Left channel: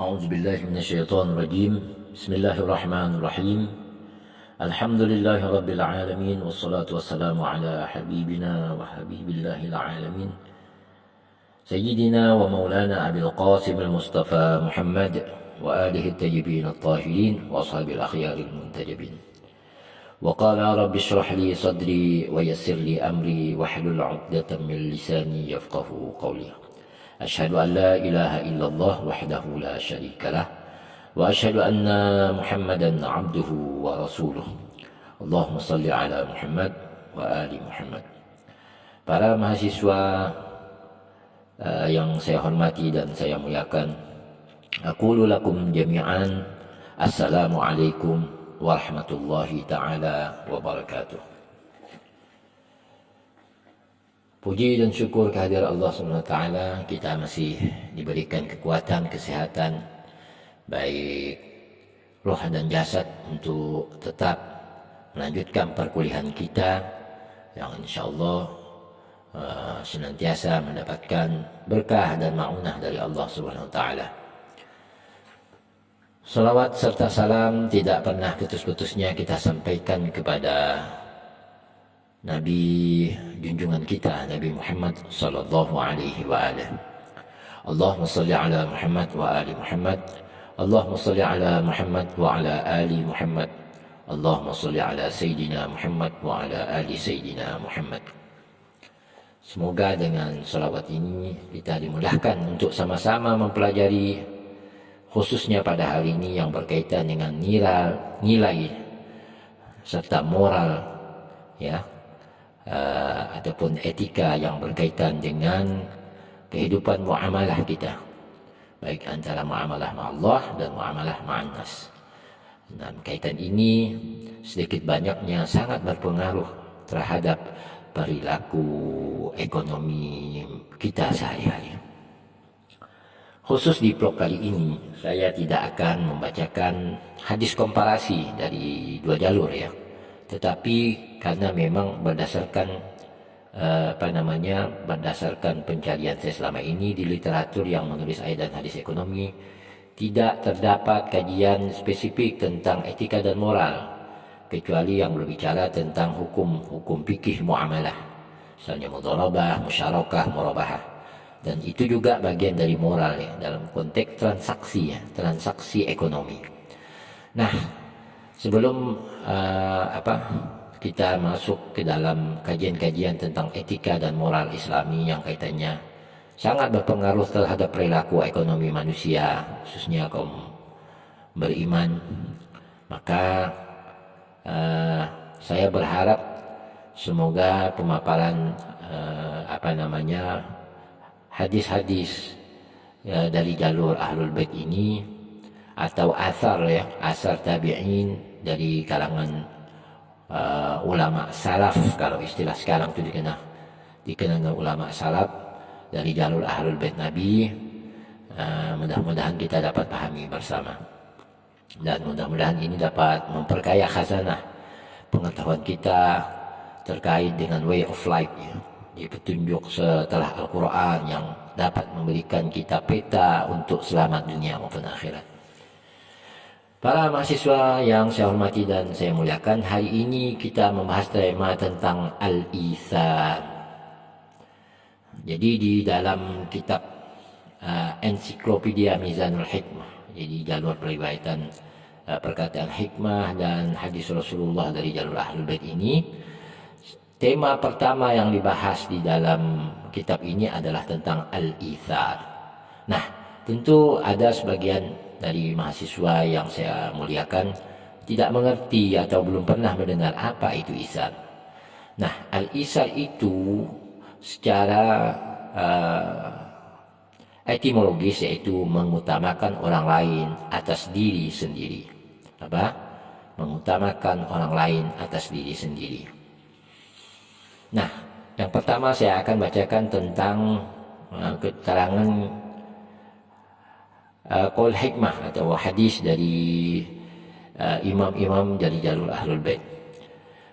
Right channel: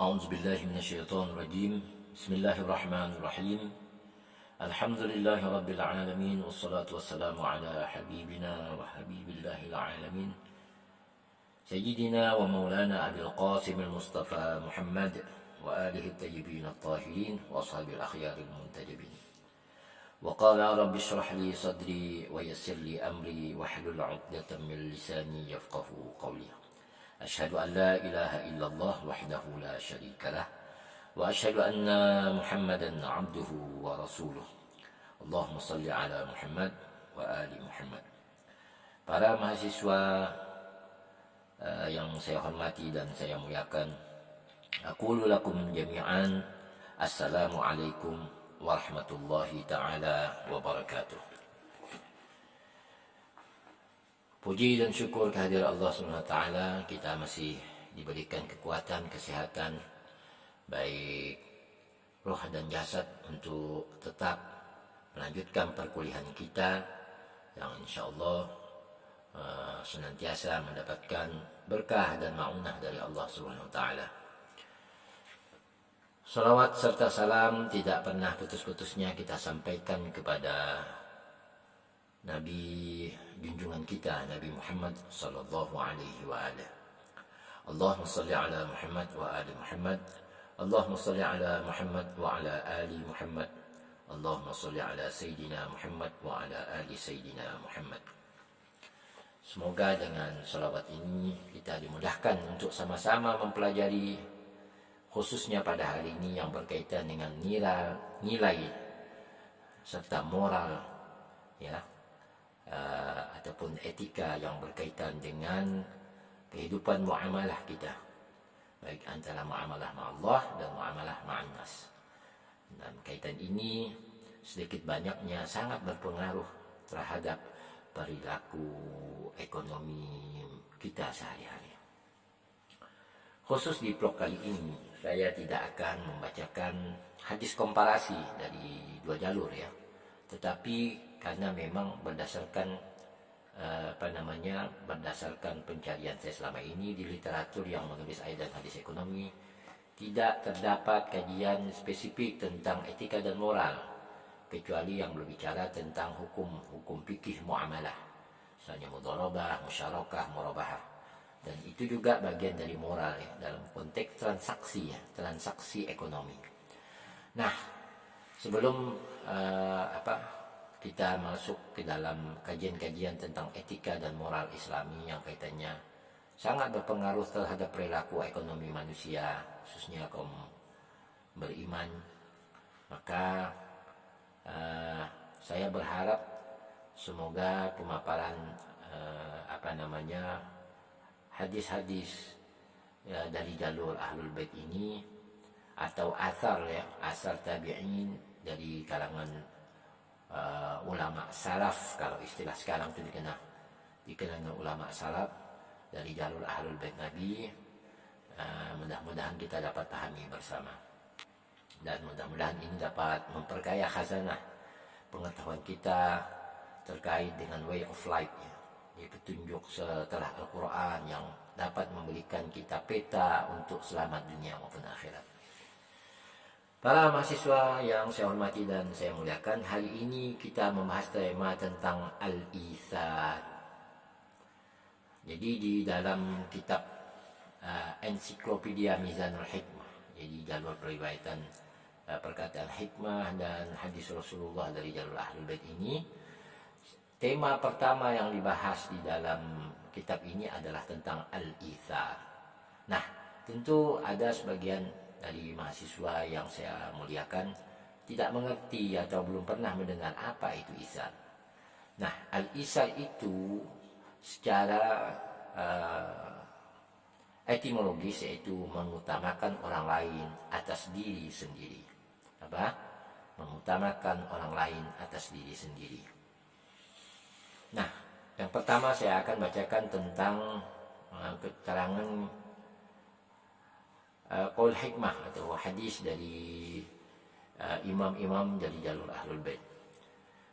أعوذ بالله من الشيطان الرجيم. بسم الله الرحمن الرحيم. الحمد لله رب العالمين، والصلاة والسلام على حبيبنا وحبيب الله العالمين سيدنا ومولانا أبي القاسم المصطفى محمد وآله الطيبين الطاهرين وأصحاب الأخيار المنتجبين. وقال رب اشرح لي صدري ويسر لي أمري واحلل عقدة من لساني يفقه قولي. أشهد أن لا إله إلا الله وحده لا شريك له، وأشهد أن محمدا عبده ورسوله. اللهم صل على محمد وآل محمد. Para mahasiswa yang saya hormati dan saya muliakan, aqulu lakum jami'an assalamualaikum warahmatullahi ta'ala wabarakatuh. Puji dan syukur kehadirat Allah SWT, kita masih diberikan kekuatan, kesehatan, baik roh dan jasad untuk tetap melanjutkan perkuliahan kita yang insya Allah senantiasa mendapatkan berkah dan ma'unah dari Allah SWT. Salawat serta salam tidak pernah putus-putusnya kita sampaikan kepada Nabi junjungan kita, Nabi Muhammad sallallahu alaihi wa alihi. Allahumma salli ala Muhammad wa ali Muhammad. Allahumma salli ala Muhammad wa ala ali Muhammad. Allahumma salli ala Sayyidina Muhammad wa ala ali Sayyidina Muhammad. Semoga dengan salawat ini kita dimudahkan untuk sama-sama mempelajari, khususnya pada hari ini yang berkaitan dengan nilai serta moral, ya, ataupun etika yang berkaitan dengan kehidupan muamalah kita, baik antara muamalah ma'allah dan muamalah ma'annas. Dan kaitan ini sedikit banyaknya sangat berpengaruh terhadap perilaku ekonomi kita sehari-hari. Khusus di blog kali ini saya tidak akan membacakan hadis komparasi dari dua jalur, ya, tetapi karena memang berdasarkan berdasarkan pencarian saya selama ini di literatur yang menulis ayat dan hadis ekonomi, tidak terdapat kajian spesifik tentang etika dan moral, kecuali yang berbicara tentang hukum fikih muamalah, misalnya mudharabah, musyarakah, murabahah, dan itu juga bagian dari moral, ya, dalam konteks transaksi, ya, transaksi ekonomi. Nah, sebelum kita masuk ke dalam kajian-kajian tentang etika dan moral Islami yang kaitannya sangat berpengaruh terhadap perilaku ekonomi manusia, khususnya kaum beriman, maka saya berharap semoga pemaparan hadis-hadis dari jalur Ahlul Bait ini, atau asar, ya, asar tabi'in dari kalangan ulama salaf, kalau istilah sekarang itu dikenal dengan ulama salaf dari jalur Ahlul Bait Nabi, mudah-mudahan kita dapat pahami bersama, dan mudah-mudahan ini dapat memperkaya khazanah pengetahuan kita terkait dengan way of life, ya, di petunjuk setelah Al-Quran yang dapat memberikan kita peta untuk selamat dunia maupun akhirat. Para mahasiswa yang saya hormati dan saya muliakan, hari ini kita membahas tema tentang al-ithar. Jadi di dalam kitab Ensiklopedia Mizanul Hikmah, jadi jalur periwayatan perkataan hikmah dan hadis Rasulullah dari jalur Ahlul Bait ini, tema pertama yang dibahas di dalam kitab ini adalah tentang al-ithar. Nah, tentu ada sebagian dari mahasiswa yang saya muliakan tidak mengerti atau belum pernah mendengar apa itu isar. Nah, al-isar itu secara etimologis yaitu mengutamakan orang lain atas diri sendiri. Mengutamakan orang lain atas diri sendiri. Nah, yang pertama saya akan bacakan tentang keterangan qaul hikmah atau hadis dari imam-imam dari jalur Ahlul Bait.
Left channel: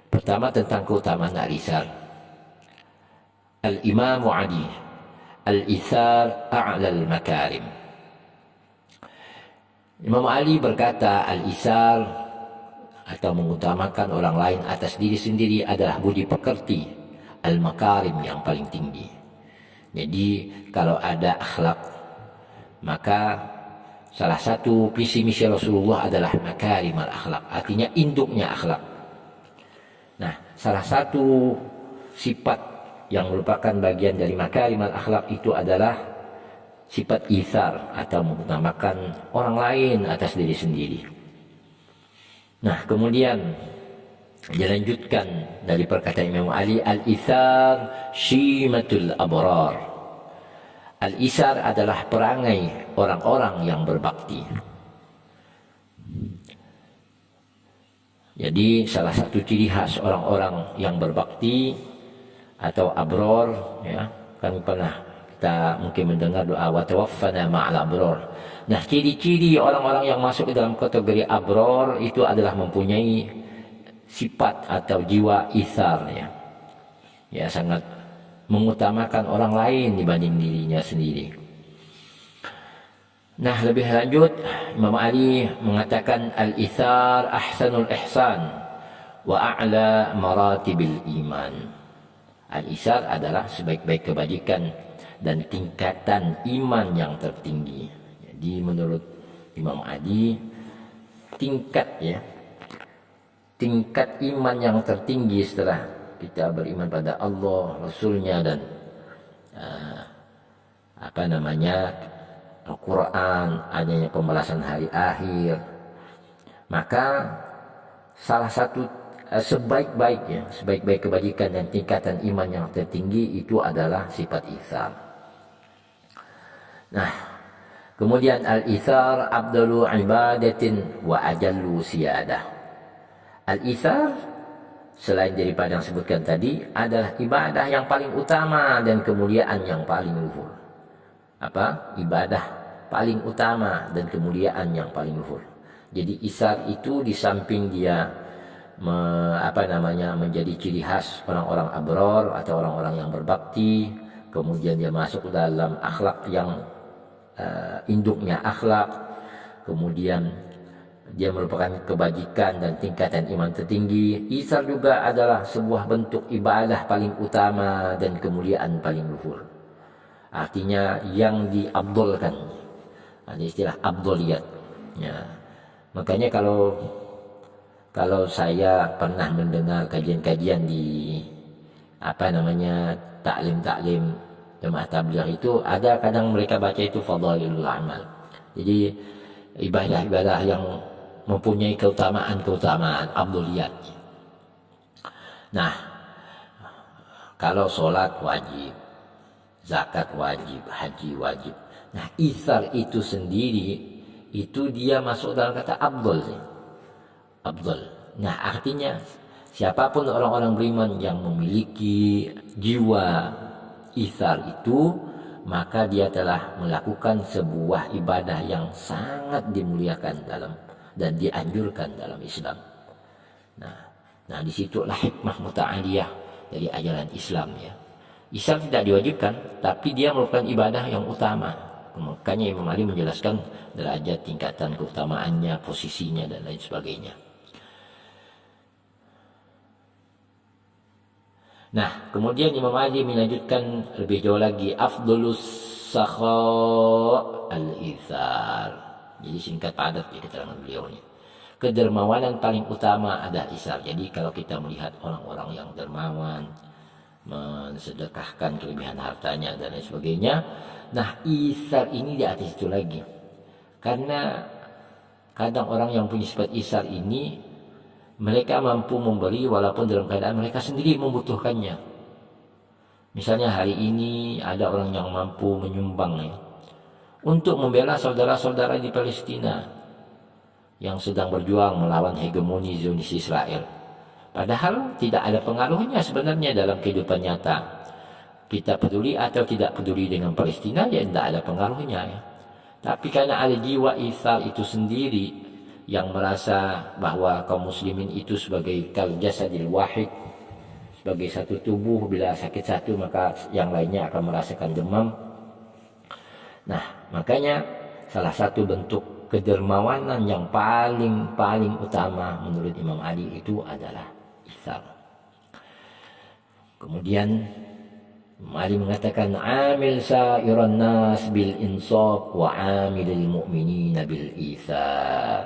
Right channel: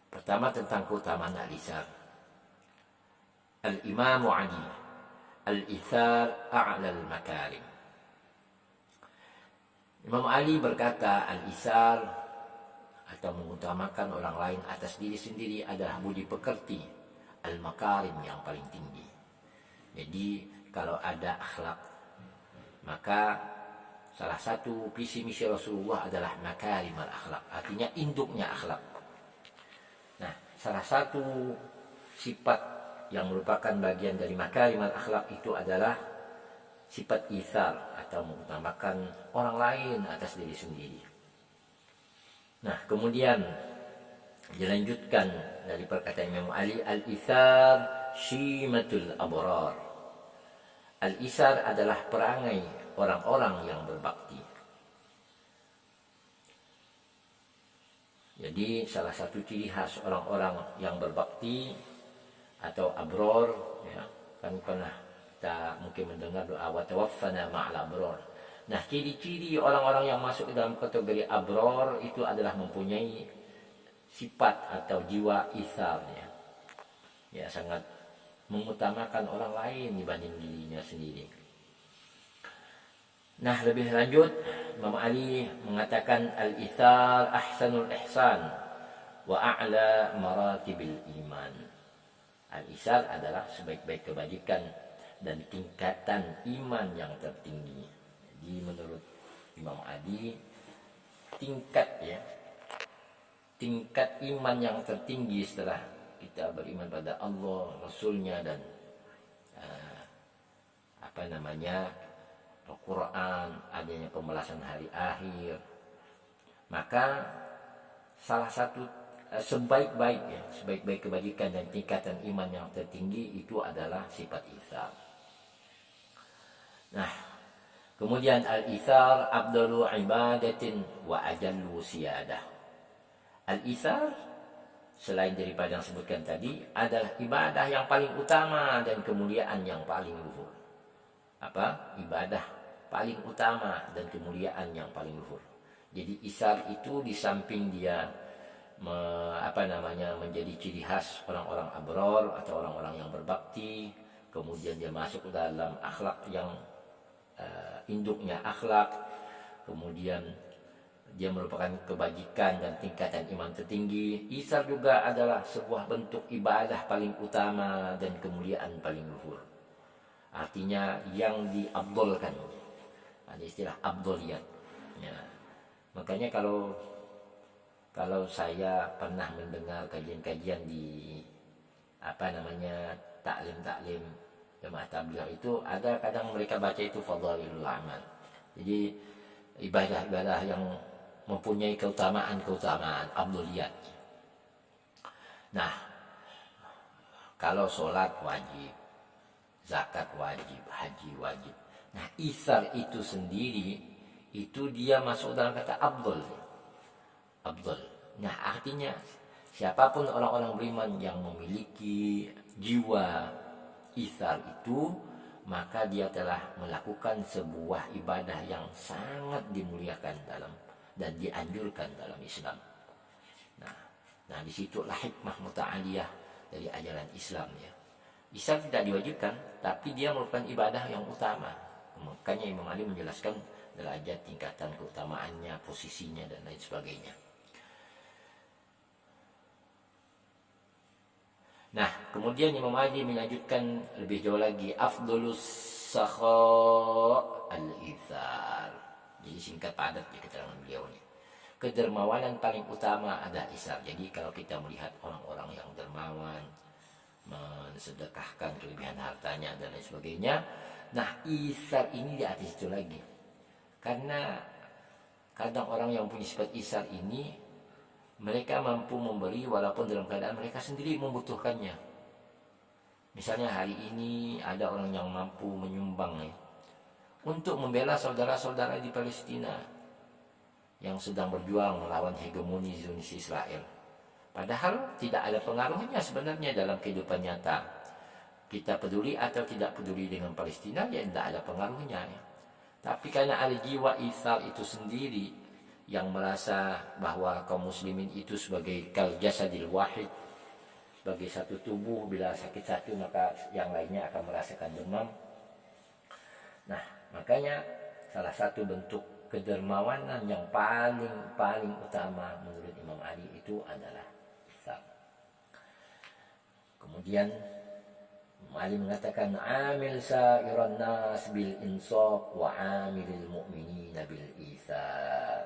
Pertama tentang keutamaan al-ithar. Al-Imam Ali, al-ithar a'la al-makarim. Imam Ali berkata, al-isar atau mengutamakan orang lain atas diri sendiri adalah budi pekerti, al-makarim yang paling tinggi. Jadi kalau ada akhlak, maka salah satu visi misi Rasulullah adalah makarim al-akhlak, artinya induknya akhlak. Nah, salah satu sifat yang merupakan bagian dari makarim al-akhlak itu adalah sifat ithar atau mengutamakan orang lain atas diri sendiri. Nah, kemudian dilanjutkan dari perkataan Imam Ali, al-ithar syimatul abrar. Al-isar adalah perangai orang-orang yang berbakti. Jadi salah satu ciri khas orang-orang yang berbakti atau abror, ya, kami pernah kita mungkin mendengar doa wa tawaffana ma'al abror. Nah, ciri-ciri orang-orang yang masuk ke dalam kategori abror itu adalah mempunyai sifat atau jiwa isar, ya. Ya, sangat mengutamakan orang lain dibanding dirinya sendiri. Nah, lebih lanjut Imam Ali mengatakan al-ithar ahsanul ihsan wa a'la maratibil iman. Al-ithar adalah sebaik-baik kebajikan dan tingkatan iman yang tertinggi. Jadi menurut Imam Ali, tingkat iman yang tertinggi setelah kita beriman pada Allah, Rasulnya, dan Al-Quran, adanya pembalasan hari akhir, maka salah satu sebaik-baik kebajikan dan tingkatan iman yang tertinggi itu adalah sifat itsar. Nah, kemudian al-itsar afdalu ibadatin wa ajallu siyadah. Al-itsar selain daripada yang sebutkan tadi adalah ibadah yang paling utama dan kemuliaan yang paling luhur. Ibadah paling utama dan kemuliaan yang paling luhur. Jadi isar itu di samping dia menjadi ciri khas orang-orang abror atau orang-orang yang berbakti, kemudian dia masuk dalam akhlak yang induknya akhlak, kemudian dia merupakan kebajikan dan tingkatan iman tertinggi. Isar juga adalah sebuah bentuk ibadah paling utama dan kemuliaan paling luhur. Artinya yang diabdolkan. Ada istilah abdoliyat. Ya. Makanya kalau saya pernah mendengar kajian-kajian di taklim jemaah tabligh itu, ada kadang mereka baca itu fadhailul amal. Jadi ibadah-ibadah yang mempunyai keutamaan abdoliyat. Nah, kalau sholat wajib, zakat wajib, haji wajib. Nah, isar itu sendiri itu dia masuk dalam kata abdol. Nah, artinya siapapun orang-orang beriman yang memiliki jiwa isar itu, maka dia telah melakukan sebuah ibadah yang sangat dimuliakan dan dianjurkan dalam Islam. Nah, disitulah hikmah muta'aliyah dari ajaran Islam, ya. Isar tidak diwajibkan, tapi dia merupakan ibadah yang utama. Makanya Imam Ali menjelaskan derajat tingkatan keutamaannya, posisinya, dan lain sebagainya. Nah, kemudian Imam Ali melanjutkan lebih jauh lagi, afdolus sakha al-ithar. Jadi singkat padat ya keterangan beliau ini. Kedermawanan paling utama adalah isar. Jadi kalau kita melihat orang-orang yang dermawan, mensedekahkan kelebihan hartanya dan lain sebagainya, nah isar ini di atas itu lagi. Karena kadang orang yang punya sifat isar ini, mereka mampu memberi walaupun dalam keadaan mereka sendiri membutuhkannya. Misalnya hari ini ada orang yang mampu menyumbang, ya, untuk membela saudara-saudara di Palestina yang sedang berjuang melawan hegemoni Zionis Israel. Padahal tidak ada pengaruhnya sebenarnya dalam kehidupan nyata. Kita peduli atau tidak peduli dengan Palestina, ya tidak ada pengaruhnya, ya. Tapi karena ada jiwa itsar itu sendiri yang merasa bahwa kaum muslimin itu sebagai kal jasadil wahid, sebagai satu tubuh, bila sakit satu maka yang lainnya akan merasakan demam. Nah, makanya salah satu bentuk kedermawanan yang paling utama menurut Imam Ali itu adalah itsar. Kemudian Imam Ali mengatakan amil sa'iran nas bil insaf wa amilil mu'minina bil itsar.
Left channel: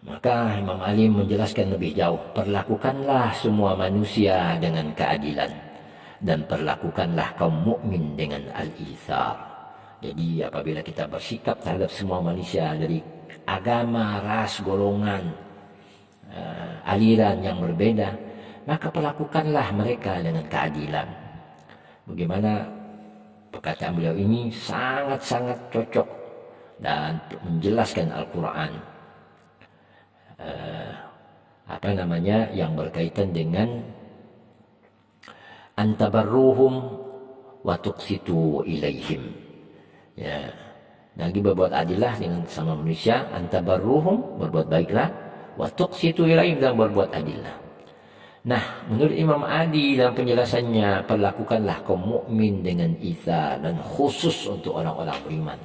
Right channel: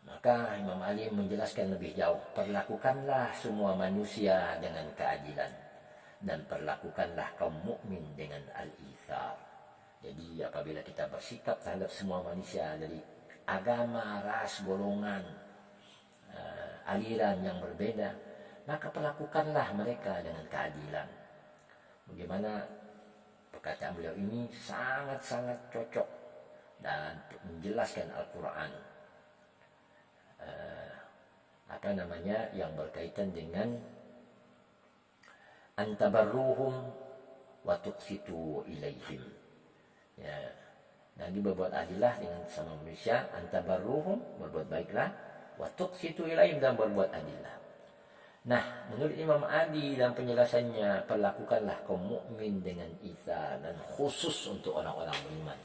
Maka Imam Ali menjelaskan lebih jauh, perlakukanlah semua manusia dengan keadilan dan perlakukanlah kaum mukmin dengan al-itsar. Jadi apabila kita bersikap terhadap semua manusia dari agama, ras, golongan, aliran yang berbeda, maka perlakukanlah mereka dengan keadilan. Bagaimana perkataan beliau ini sangat-sangat cocok dan menjelaskan Al-Quran. Yang berkaitan dengan antabarruhum wa tuqsitu ilaihim. Ya, lagi berbuat adillah dengan sama manusia, antabarruhum, berbuat baiklah, wa tuqsitu ilaihim, dan berbuat adillah. Nah, menurut Imam Ali dalam penjelasannya, perlakukanlah kaum mukmin dengan itsar, dan khusus untuk orang-orang beriman.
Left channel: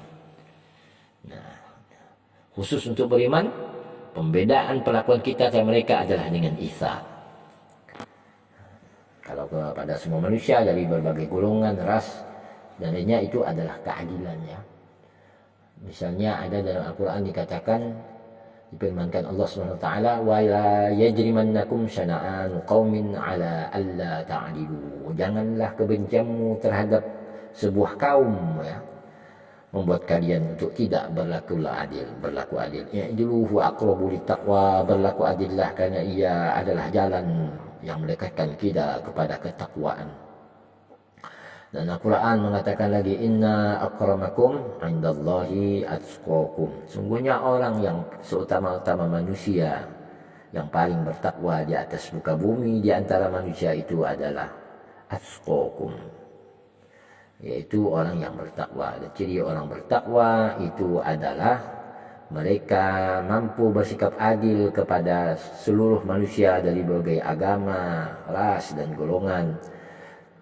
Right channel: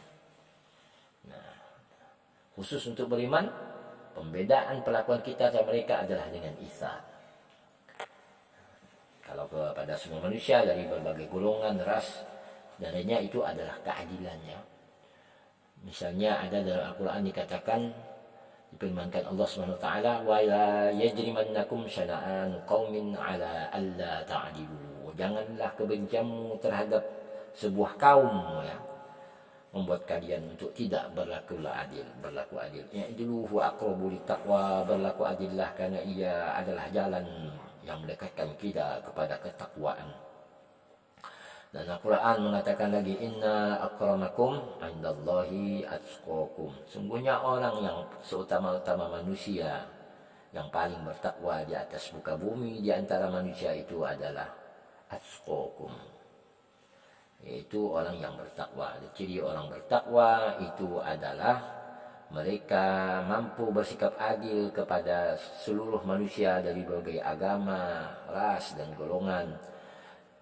Nah, khusus untuk beriman, pembedaan perlakuan kita terhadap mereka adalah dengan itsar. Kalau kepada semua manusia dari berbagai golongan, ras, dan lainnya, itu adalah keadilan, ya. Misalnya ada dalam Al-Quran dikatakan, difirmankan Allah SWT, wa la yajrimannakum syana'anu qaumin ala alla ta'dilu. Janganlah kebencianmu terhadap sebuah kaum, ya, membuat kalian untuk tidak berlaku adil. I'dilu huwa aqrabu littaqwa, berlaku adillah karena ia adalah jalan yang mendekatkan kita kepada ketakwaan. Dan Al-Quran mengatakan lagi, inna akramakum indallahi atqakum. Sungguhnya orang yang seutama-utama manusia, yang paling bertakwa di atas muka bumi di antara manusia itu adalah atqakum, yaitu orang yang bertakwa. Dan ciri orang bertakwa itu adalah mereka mampu bersikap adil kepada seluruh manusia dari berbagai agama, ras, dan golongan.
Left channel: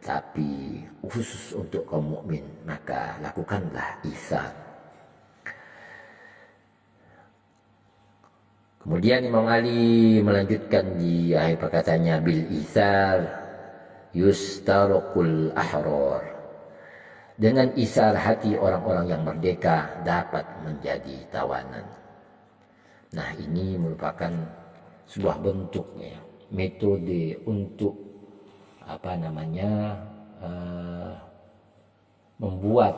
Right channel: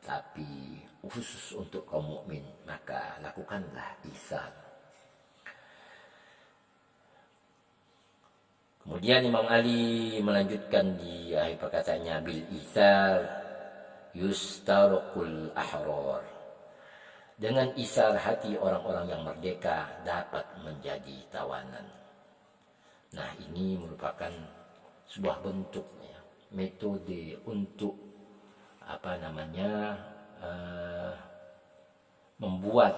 Tapi khusus untuk kaum mukmin, maka lakukanlah itsar. Kemudian Imam Ali melanjutkan di akhir perkataannya, bil itsar yustarqul ahrar. Dengan itsar hati orang-orang yang merdeka dapat menjadi tawanan. Nah, ini merupakan sebuah bentuk, ya, metode untuk membuat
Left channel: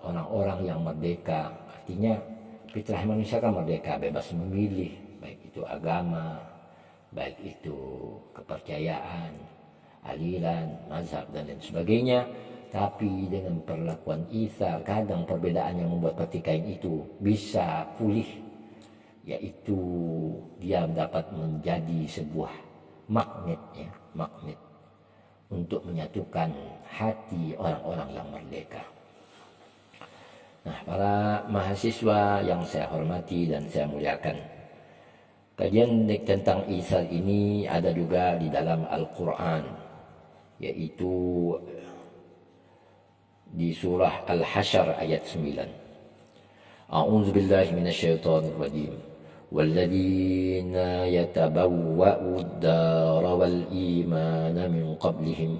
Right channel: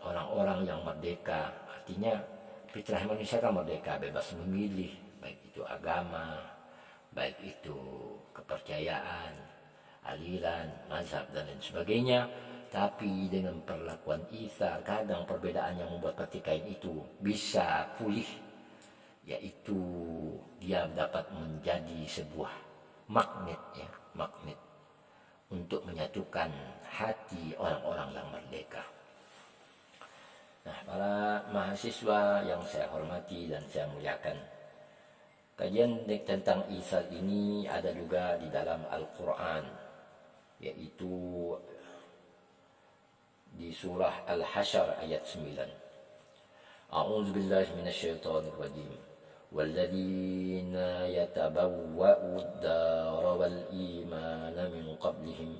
orang-orang yang merdeka. Artinya fitrah manusia kan merdeka, bebas memilih, baik itu agama, baik itu kepercayaan, aliran, mazhab, dan lain sebagainya. Tapi dengan perlakuan itsar, kadang perbedaan yang membuat pertikaian itu bisa pulih, yaitu dia dapat menjadi sebuah magnet, ya, magnet untuk menyatukan hati orang-orang yang merdeka. Nah, para mahasiswa yang saya hormati dan saya muliakan, kajian tentang itsar ini ada juga di dalam Al-Quran, yaitu di surah Al-Hasyr ayat 9. A'udzu billahi minasyaitonir rajim. والذين يتبوأوا الدار والإيمان من قبلهم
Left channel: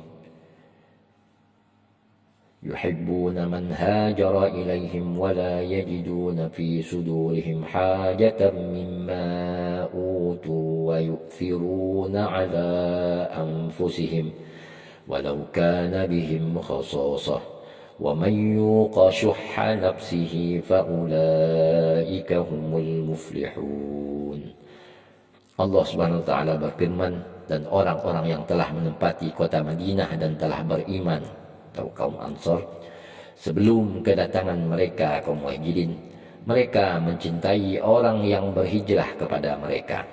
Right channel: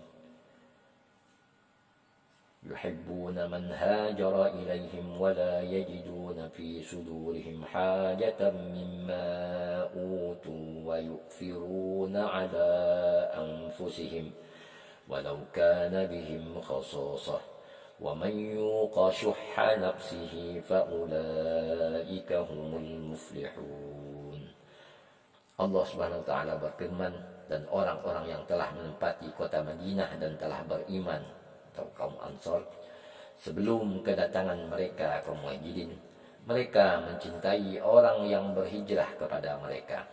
يحبون من هاجر إليهم ولا يجدون في صدورهم حاجة مما أوتوا ويؤثرون على أنفسهم ولو كان بهم خصاصة وَمَنْ يُوقَ شُحَّ نَفْسِهِ فَأُولَئِكَ هُمُ الْمُفْلِحُونَ. Allah Subhanahu wa taala berfirman, dan orang-orang yang telah menempati kota Madinah dan telah beriman, atau kaum Ansar, sebelum kedatangan mereka kaum Muhajirin, mereka mencintai orang yang berhijrah kepada mereka,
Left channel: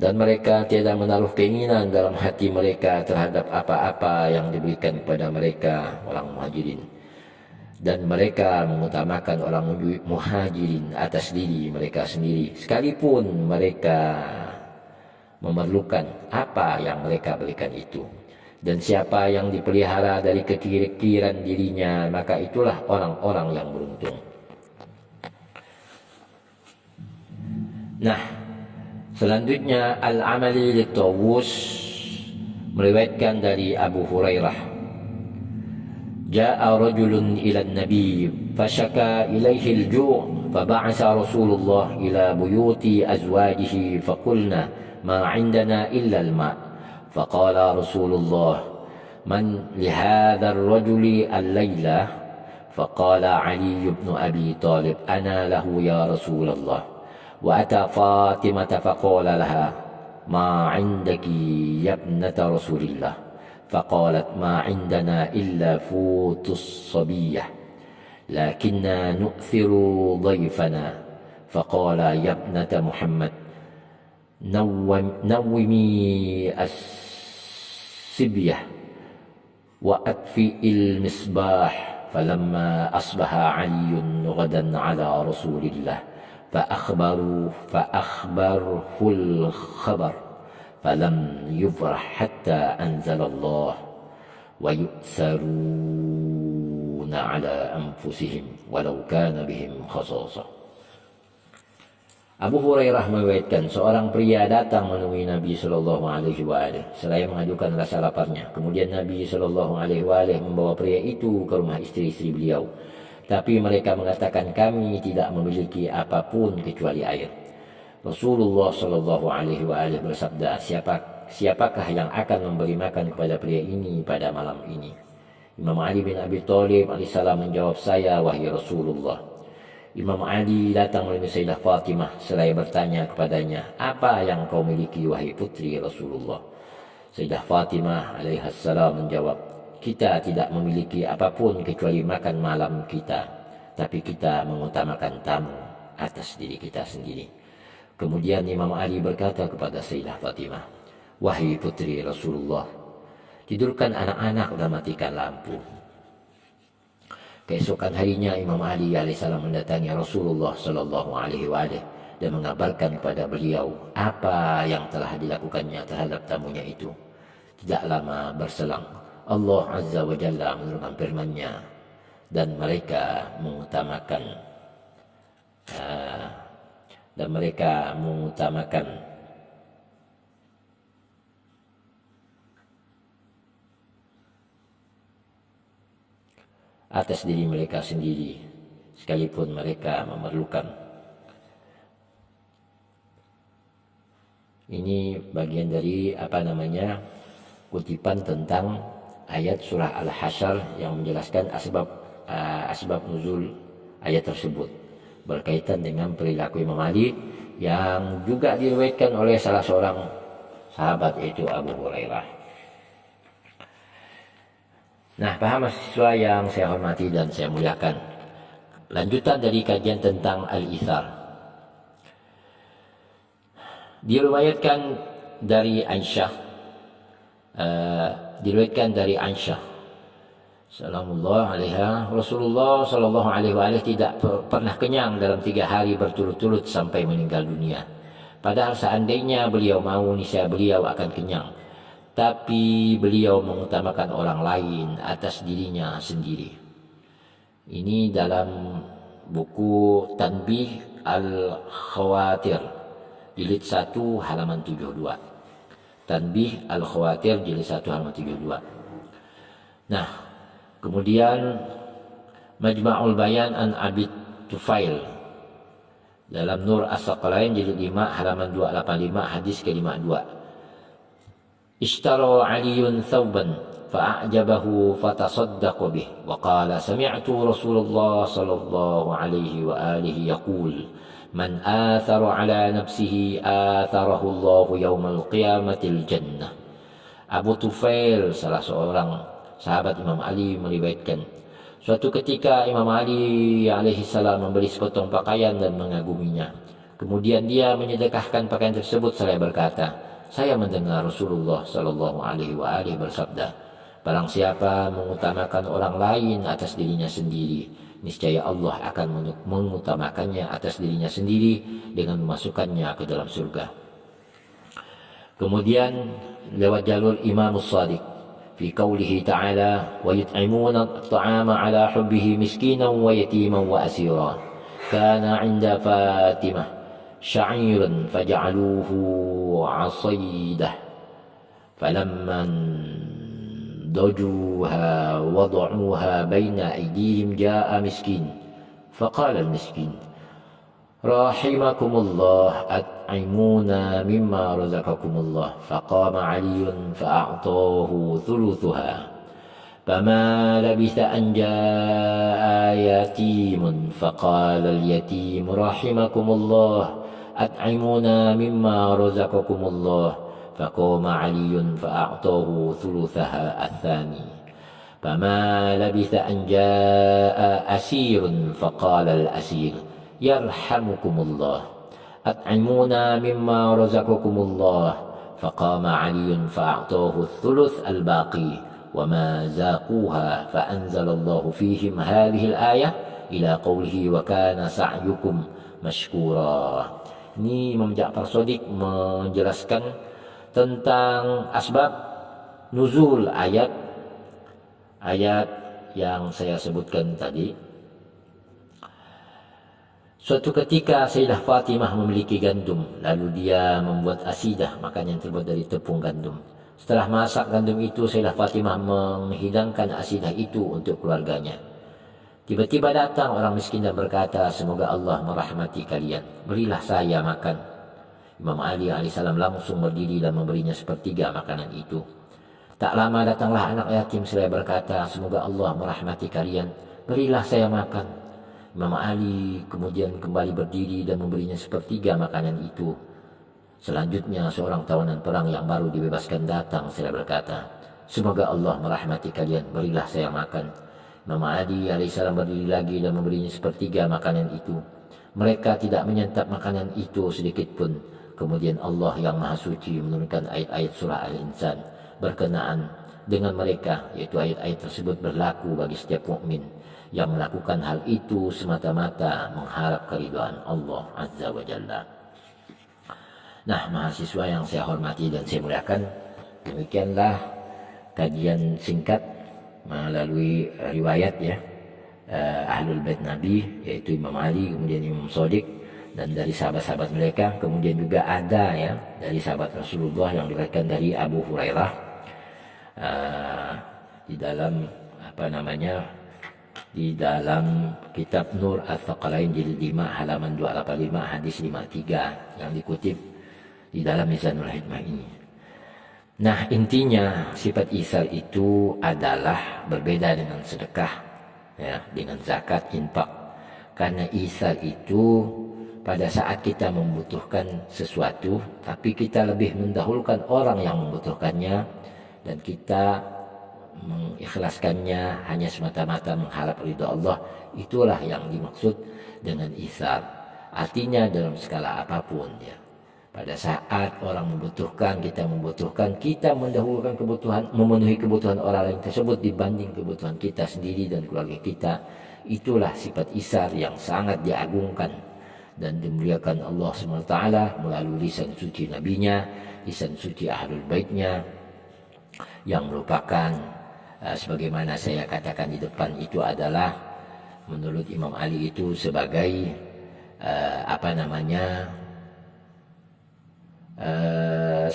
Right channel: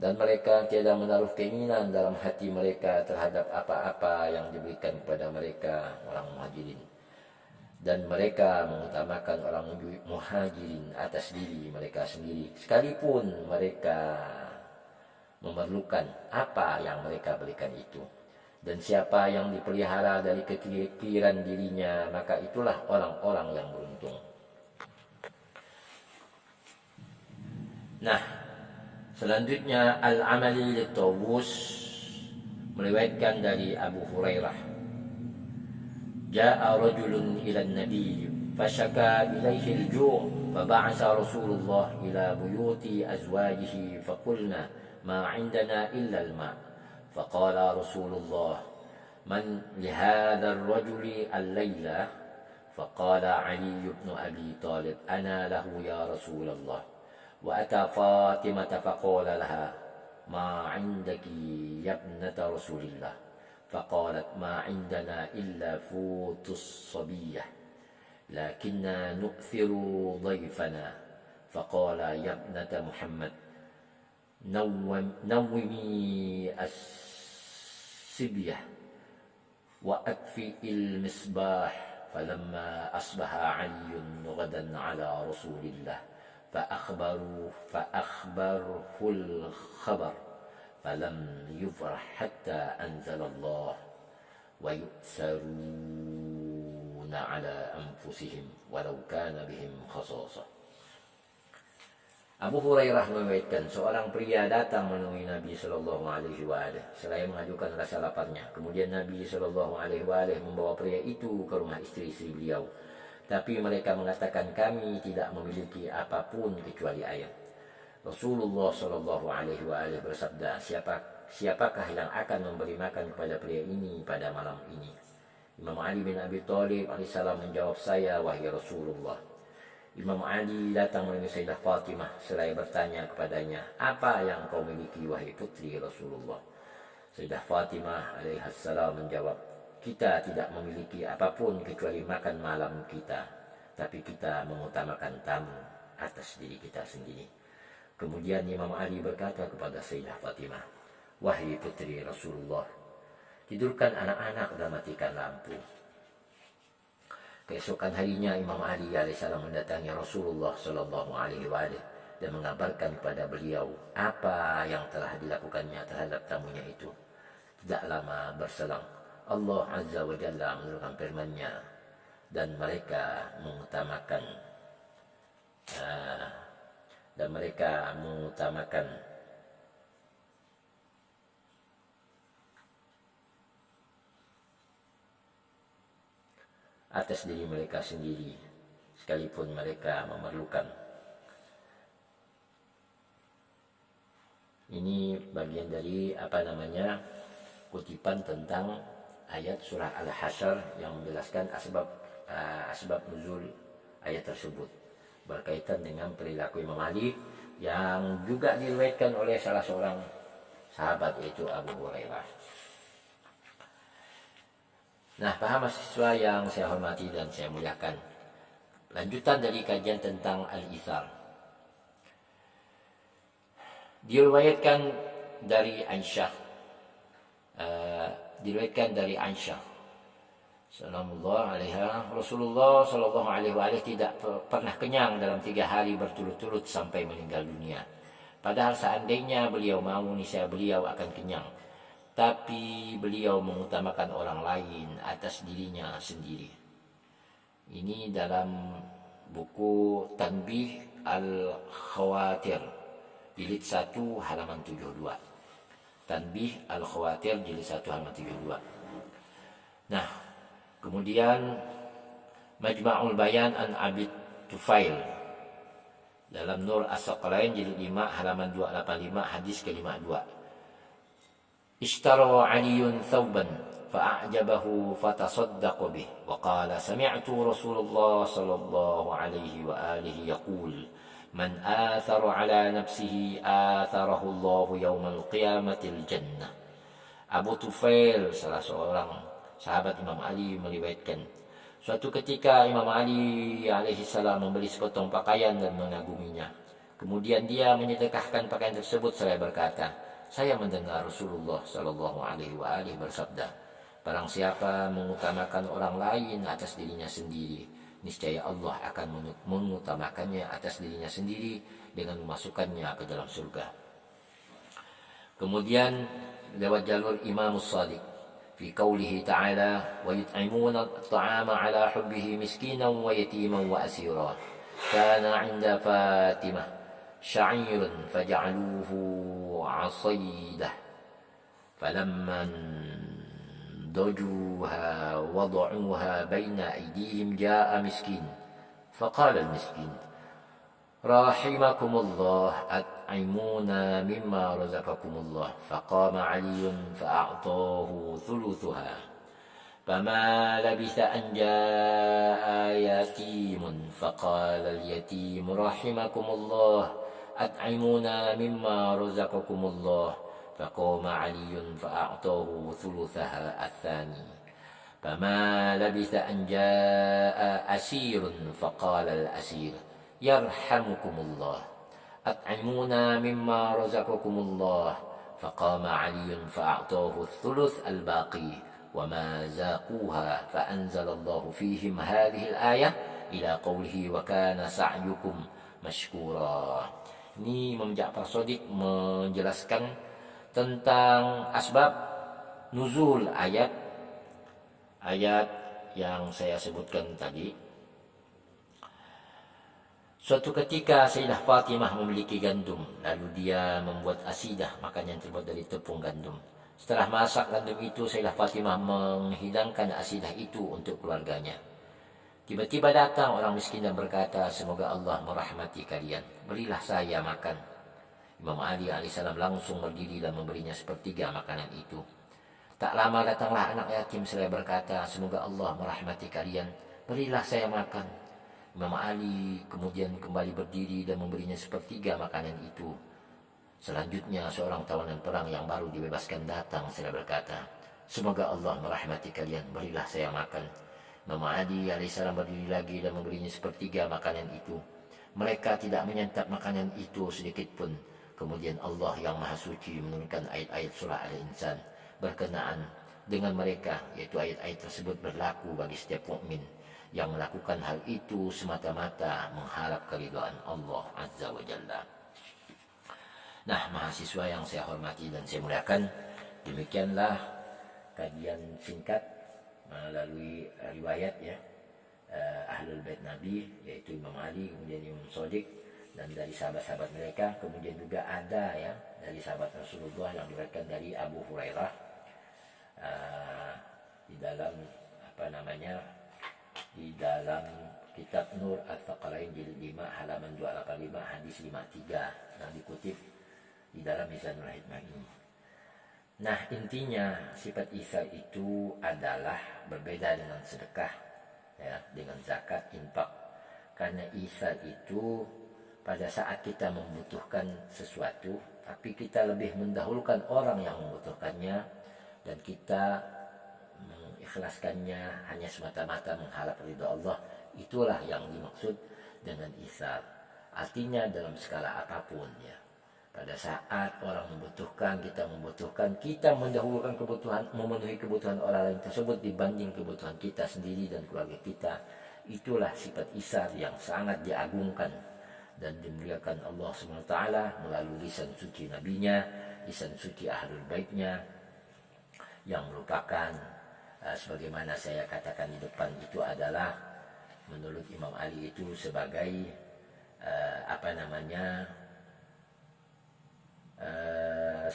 dan mereka tiada menaruh keinginan dalam hati mereka terhadap apa-apa yang diberikan kepada mereka orang Muhajirin. Dan mereka mengutamakan orang Muhajirin atas diri mereka sendiri, sekalipun mereka memerlukan apa yang mereka berikan itu. Dan siapa yang dipelihara dari kekiran dirinya, maka itulah orang-orang yang beruntung. Nah, selanjutnya Al-Amali Litawus meriwayatkan dari Abu Hurairah, Ja'a rajulun ila an-nabi fashaka ilaihi al-ju' faba'atha Rasulullah ila buyuti azwajihi faqulna ma 'indana illa al-ma' faqala Rasulullah man lihadha ar-rajuli al-laila faqala Ali ibn Abi Talib ana lahu ya Rasulullah wa ata Fatimah faqala laha ma 'indaki ya ibnata Rasulillah فقالت ما عندنا إلا فوت الصبية لكننا نؤثر ضيفنا فقال يا ابنة محمد نومي السبية وأطفئي المصباح فلما أصبح علي غدا على رسول الله فأخبره الخبر فلم يفرح حتى أنزل الله ويؤثرون على أنفسهم ولو كان بهم خصاصة. Abu Hurairah meriwayatkan seorang pria datang menemui Nabi Shallallahu Alaihi Wasallam seraya mengajukan rasa laparnya. Kemudian Nabi Shallallahu Alaihi Wasallam membawa pria itu ke rumah istri-istri beliau. Tapi mereka mengatakan kami tidak memiliki apapun kecuali air. Rasulullah Shallallahu Alaihi Wasallam bersabda, siapakah yang akan memberi makan kepada pria ini pada malam ini? Imam Ali bin Abi Thalib alaihissalam menjawab, saya wahai Rasulullah. Imam Ali datang menemui Sayyidah Fatimah seraya bertanya kepadanya, apa yang kau miliki wahai putri Rasulullah? Sayyidah Fatimah alaihissalam menjawab, kita tidak memiliki apapun kecuali makan malam kita, tapi kita mengutamakan tamu atas diri kita sendiri. Kemudian Imam Ali berkata kepada Sayyidah Fatimah, wahai putri Rasulullah, tidurkan anak-anak dan matikan lampu. Keesokan harinya Imam Ali alaihissalam mendatangi Rasulullah Sallallahu Alaihi Wasallam dan mengabarkan kepada beliau apa yang telah dilakukannya terhadap tamunya itu. Tidak lama berselang, Allah Azza wa Jalla menurunkan firman-Nya dan mereka mengutamakan atas diri mereka sendiri sekalipun mereka memerlukan. Ini bagian dari kutipan tentang ayat surah Al-Hasyr yang menjelaskan asbab nuzul ayat tersebut berkaitan dengan perilaku Imam Ali yang juga diriwayatkan oleh salah seorang sahabat, yaitu Abu Hurairah. Nah, para mahasiswa yang saya hormati dan saya muliakan, lanjutan dari kajian tentang Al-Ithar. Diriwayatkan dari Aisyah Salamullah alaiha, Rasulullah Sallallahu Alaihi Wasallam tidak pernah kenyang dalam 3 hari berturut-turut sampai meninggal dunia. Padahal seandainya beliau mau, niscaya beliau akan kenyang. Tapi beliau mengutamakan orang lain atas dirinya sendiri. Ini dalam buku Tanbih Al-Khawatir, jilid 1 halaman 72. Tanbih Al-Khawatir jilid 1 halaman 72. Nah, kemudian Majma'ul Bayan an Abi Tufail dalam Nur As-Saqalain jilid 5 halaman 285 hadis ke-52. Ishtara Aliyun thawban fa'ajabahu fatasaddaqa bih wa qala sami'tu Rasulullah sallallahu alaihi wa alihi yaqul man athara ala nafsihi atharahu Allahu yawmal qiyamatil jannah. Abu Tufail, salah seorang sahabat Imam Ali, meriwayatkan suatu ketika Imam Ali alaihi salam membeli sepotong pakaian dan mengaguminya. Kemudian dia menyedekahkan pakaian tersebut seraya berkata, saya mendengar Rasulullah sallallahu alaihi wasallam bersabda, barang siapa mengutamakan orang lain atas dirinya sendiri, niscaya Allah akan mengutamakannya atas dirinya sendiri dengan memasukkannya ke dalam surga. Kemudian lewat jalur Imam Shadiq fi qawlihi ta'ala wa yut'imuna at-ta'ama ala hubbihi miskinan wa yatiman wa asira kana 'inda Fatimah شعيرا فجعلوه عصيدة فلما ضجوها وضعوها بين أيديهم جاء مسكين فقال المسكين رحمكم الله أطعمونا مما رزقكم الله فقام علي فأعطاه ثلثها فما لبث أن جاء يتيم فقال اليتيم رحمكم الله أطعمونا مما رزقكم الله فقام علي فأعطاه ثلثها الثاني فما لبث أن جاء أسير فقال الأسير يرحمكم الله أطعمونا مما رزقكم الله فقام علي فأعطاه الثلث الباقي وما ذاقوها فأنزل الله فيهم هذه الآية إلى قوله وكان سعيكم مشكورا. Ini Imam Ja'far Shadiq menjelaskan tentang asbab nuzul ayat yang saya sebutkan tadi. Suatu ketika Sayyidah Fatimah memiliki gandum, lalu dia membuat asidah, makanan yang terbuat dari tepung gandum. Setelah masak gandum itu, Sayyidah Fatimah menghidangkan asidah itu untuk keluarganya. Tiba-tiba datang orang miskin dan berkata, semoga Allah merahmati kalian, berilah saya makan. Imam Ali alaihissalam langsung berdiri dan memberinya sepertiga makanan itu. Tak lama datanglah anak yatim seraya berkata, semoga Allah merahmati kalian, berilah saya makan. Imam Ali kemudian kembali berdiri dan memberinya sepertiga makanan itu. Selanjutnya seorang tawanan perang yang baru dibebaskan datang seraya berkata, semoga Allah merahmati kalian, berilah saya makan. Imam Ali alaihissalam berdiri lagi dan memberinya sepertiga makanan itu. Mereka tidak menyantap makanan itu sedikit pun. Kemudian Allah yang Maha Suci menurunkan ayat-ayat surah Al-Insan berkenaan dengan mereka, yaitu ayat-ayat tersebut berlaku bagi setiap mukmin yang melakukan hal itu semata-mata mengharap keridhaan Allah Azza wa Jalla. Nah, mahasiswa yang saya hormati dan saya muliakan, demikianlah kajian singkat melalui riwayat Ahlul Bait Nabi, yaitu Imam Ali, kemudian Imam Shadiq, dan dari sahabat-sahabat mereka. Kemudian juga ada dari sahabat Rasulullah yang diriwayatkan dari Abu Hurairah di dalam kitab Nur Ats-Tsaqalain jilid 5 halaman 285 hadis 53 yang dikutip di dalam Mizanul Hikmah ini. Nah, intinya sifat ihsan itu adalah berbeda dengan sedekah, dengan zakat, infak. Karena ihsan itu pada saat kita membutuhkan sesuatu, tapi kita lebih mendahulukan orang yang membutuhkannya, dan kita mengikhlaskannya hanya semata-mata mengharap ridha Allah, itulah yang dimaksud dengan ihsan. Artinya dalam skala apapun pada saat orang membutuhkan, kita membutuhkan, kita mendahulukan kebutuhan, memenuhi kebutuhan orang lain tersebut dibanding kebutuhan kita sendiri dan keluarga kita. Itulah sifat ihsan yang sangat diagungkan dan dimuliakan Allah SWT melalui lisan suci nabinya, lisan suci ahlul baitnya, yang merupakan sebagaimana saya katakan di depan itu adalah menurut Imam Ali itu sebagai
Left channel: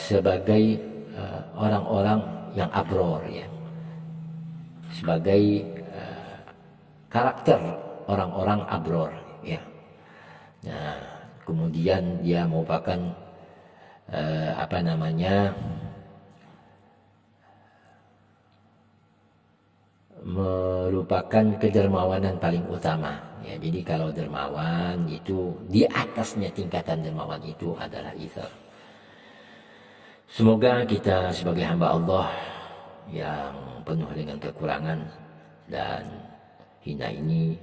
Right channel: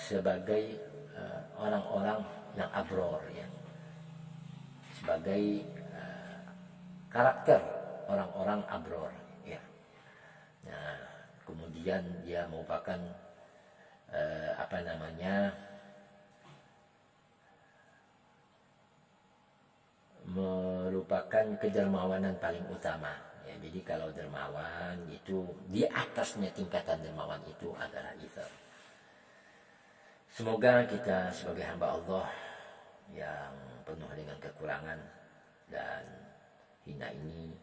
sebagai orang-orang yang abror, sebagai karakter orang-orang abror. Nah, kemudian dia merupakan merupakan kedermawanan paling utama. Jadi kalau dermawan itu di atasnya tingkatan dermawan itu adalah ihsan. Semoga kita sebagai hamba Allah yang penuh dengan kekurangan dan hina ini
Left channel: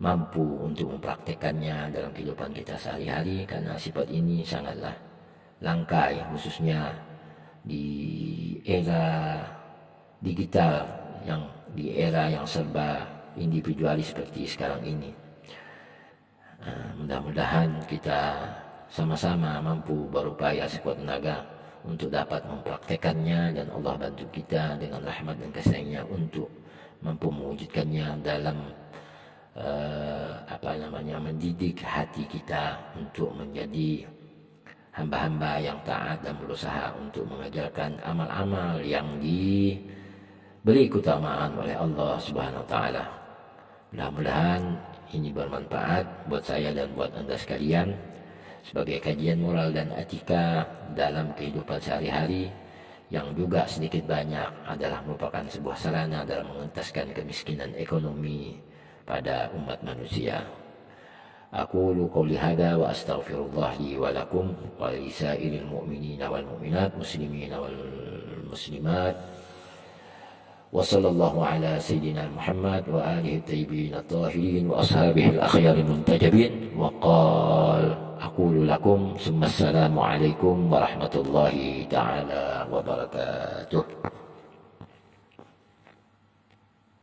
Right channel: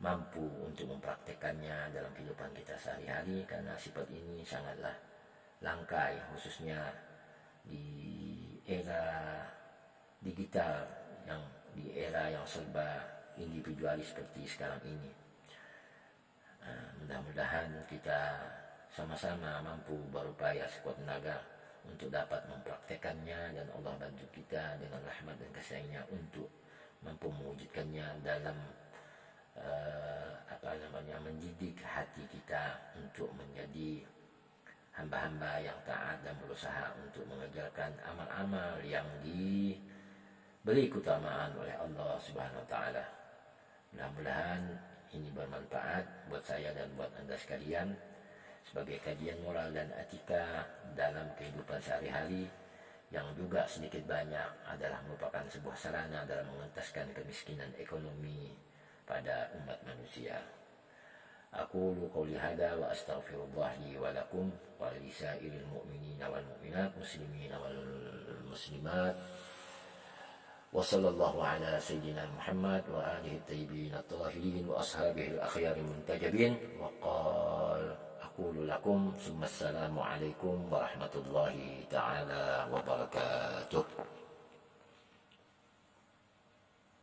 mampu untuk mempraktekannya dalam kehidupan kita sehari-hari, karena sifat ini sangatlah langka khususnya di era digital, di era yang serba individualis seperti sekarang ini. Mudah-mudahan kita sama-sama mampu berupaya sekuat tenaga untuk dapat mempraktekannya, dan Allah bantu kita dengan rahmat dan kasih-Nya untuk mampu mewujudkannya dalam mendidik hati kita untuk menjadi hamba-hamba yang taat dan berusaha untuk mengajarkan amal-amal yang diberi keutamaan oleh Allah Subhanahu wa taala. Mudah-mudahan ini bermanfaat buat saya dan buat Anda sekalian sebagai kajian moral dan etika dalam kehidupan sehari-hari, yang juga sedikit banyak adalah merupakan sebuah sarana dalam mengentaskan kemiskinan ekonomi pada umat manusia. Aqulu qouli hadza wa astaghfirullah li wa lakum wa lisairil mu'minina wal mu'minat muslimina wal muslimat. Wa sallallahu ala sayyidina Muhammad wa alihi tayyibin at-tahirin wa ashabihi al-akhyar muntajabin wa qala aqulu lakum summa assalamu alaikum warahmatullahi ta'ala wabarakatuh.